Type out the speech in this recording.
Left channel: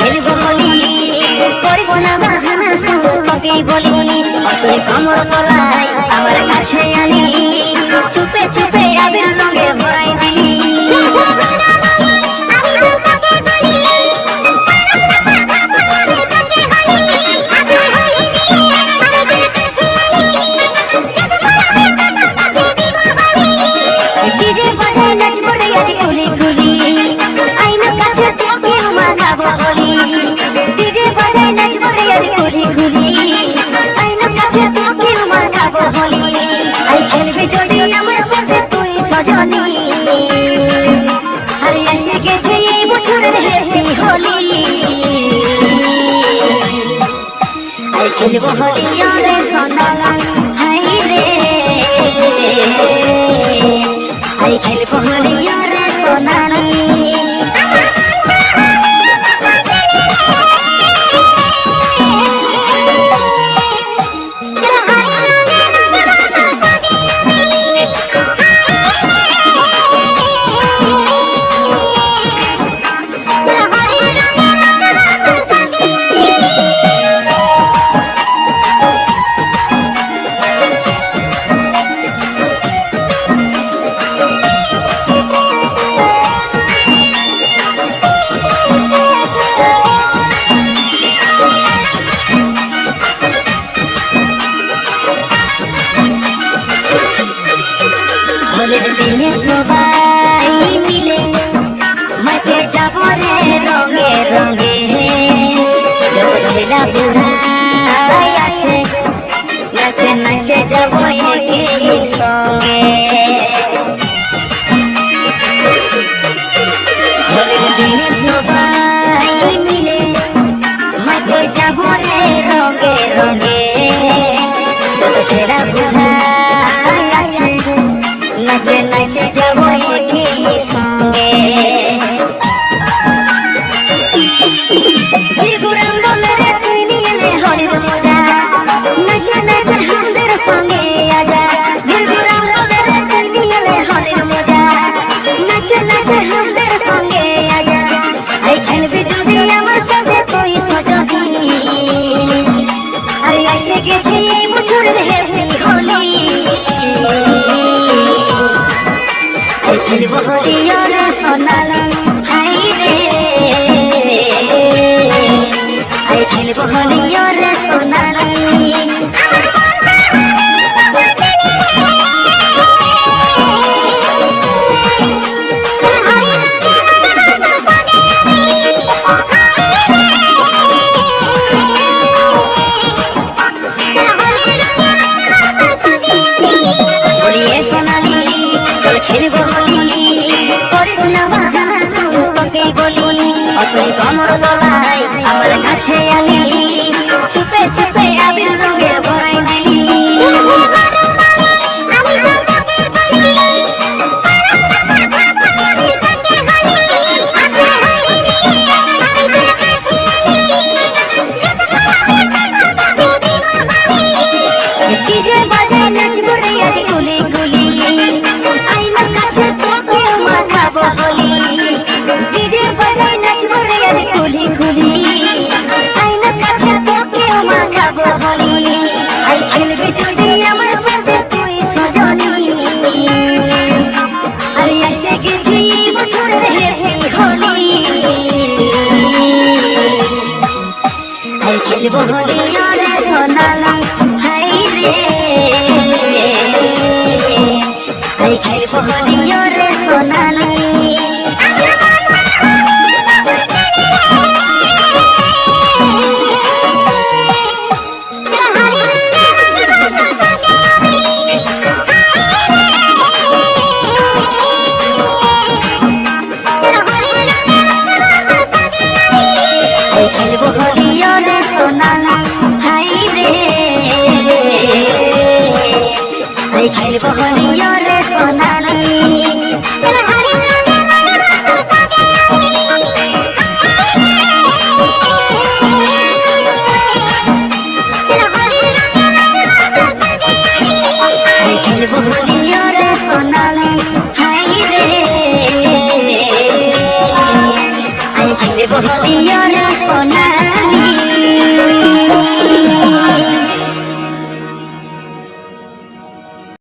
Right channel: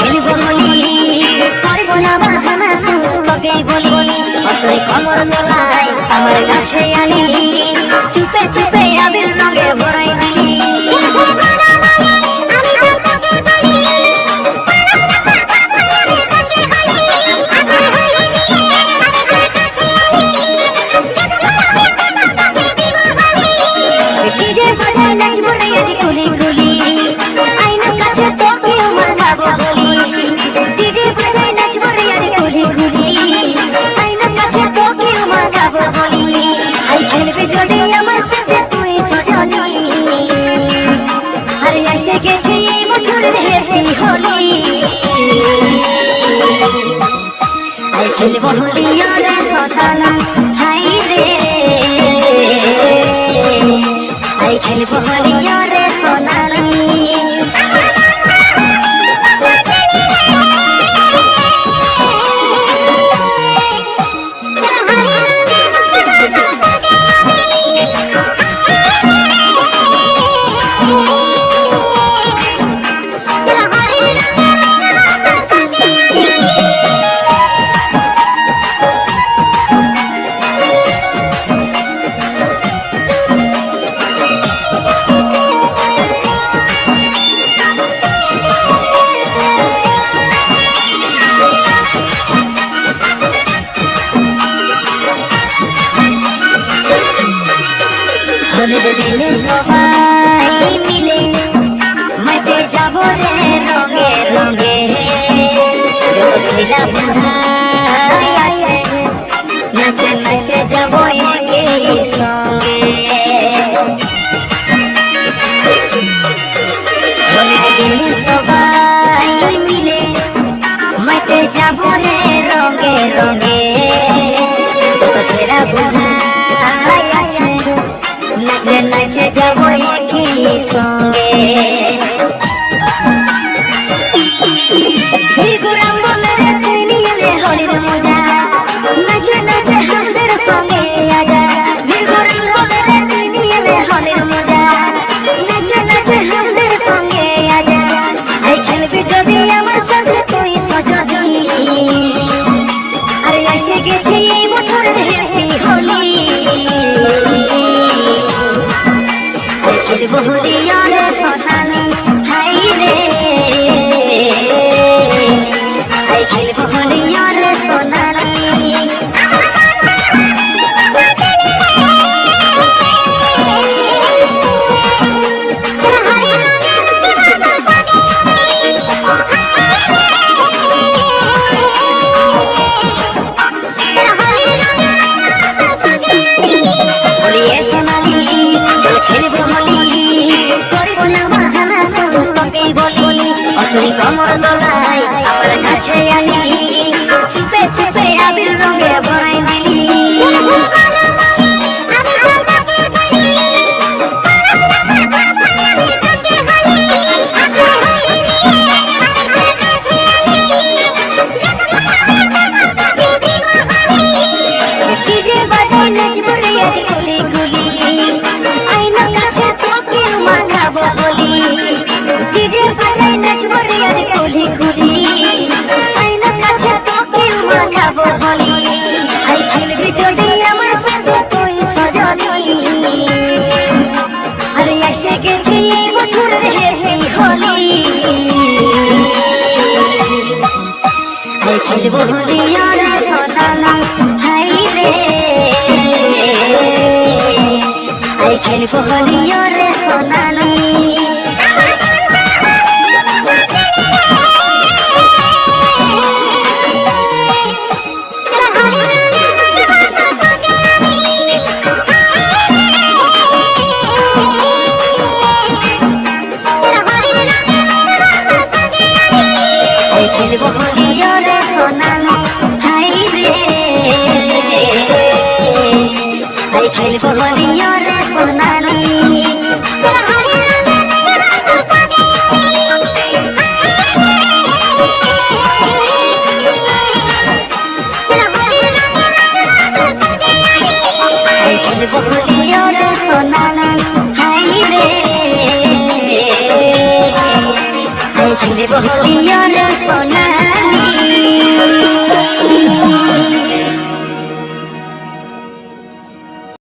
খেলবো হোলি করিস না বাহানা শুধু তোকেই বলি তুই কমর বলাই আমার কাছে আলি চুপে চুপে আবির রঙে ভরাই দিলি ডিজে বাজাই নাচবো রে আজ গুলি গুলি আইনার কাছে তোকে মাখাবো হোলি ডিজে বাজাই নাচবো রে আজ গুলি গুলি আইনার কাছে তোকে মাখাবো হোলি আই খেলবে যদি আমার সাথে তুই সজনী আরে এসে গেছে এই বছরের হ্যাপি হোলি আই খেলবো হোলি রে সোনালা হাই রে আই খেলবো হোলি রে সোনালা সবাই মিলে মাঠে যাব রে রঙে রঙে ঝিলা বুড়া আছে নাচে নাচে যাব একই সঙ্গে সবাই মিলে মাঠে যাব রে রঙে রঙে ঝিলা বুড়া আছে নাচে নাচে যাব একই সঙ্গে ঘুরাম বলে তুই নিয়ে হলির মজা নাচে নাচে আমাদের সঙ্গে আজা ঘুরাম বলে তুই নিয়ে হলির মজা নাচে নাচে আমাদের সঙ্গে আজা আই খেলবি যদি আমার সাথে তুই সজনী আরে এসে গেছি বছরের হ্যাপি হোলি আই খেলবো হোলি রে সোনালা হাই রে আই খেলবো হোলি রে সোনালা কমর বলাই আমার কাছে আলি চুপে চুপে আবির রঙে ভরাই দিলি ডিজে বাজাই নাচবো রে আজ গুলি গুলি আইনার কাছে তোকে মাখাবো হোলি ডিজে বাজাই নাচবো রে আজ গুলি গুলি আইনার কাছে তোকে মাখাবো হোলি আই খেলবি যদি আমার সাথে তুই সজনী আরে এসে গেছে এই বছরের হ্যাপি হোলি আই খেলবো হোলি রে সোনালা হাই রে আই খেলবো হোলি রে সোনালি সোনালা হাই রে আই খেলবো হোলি রে সোনালি খেলবো হোলি রে সোনালি হাই রে দেব হলি রে সোনা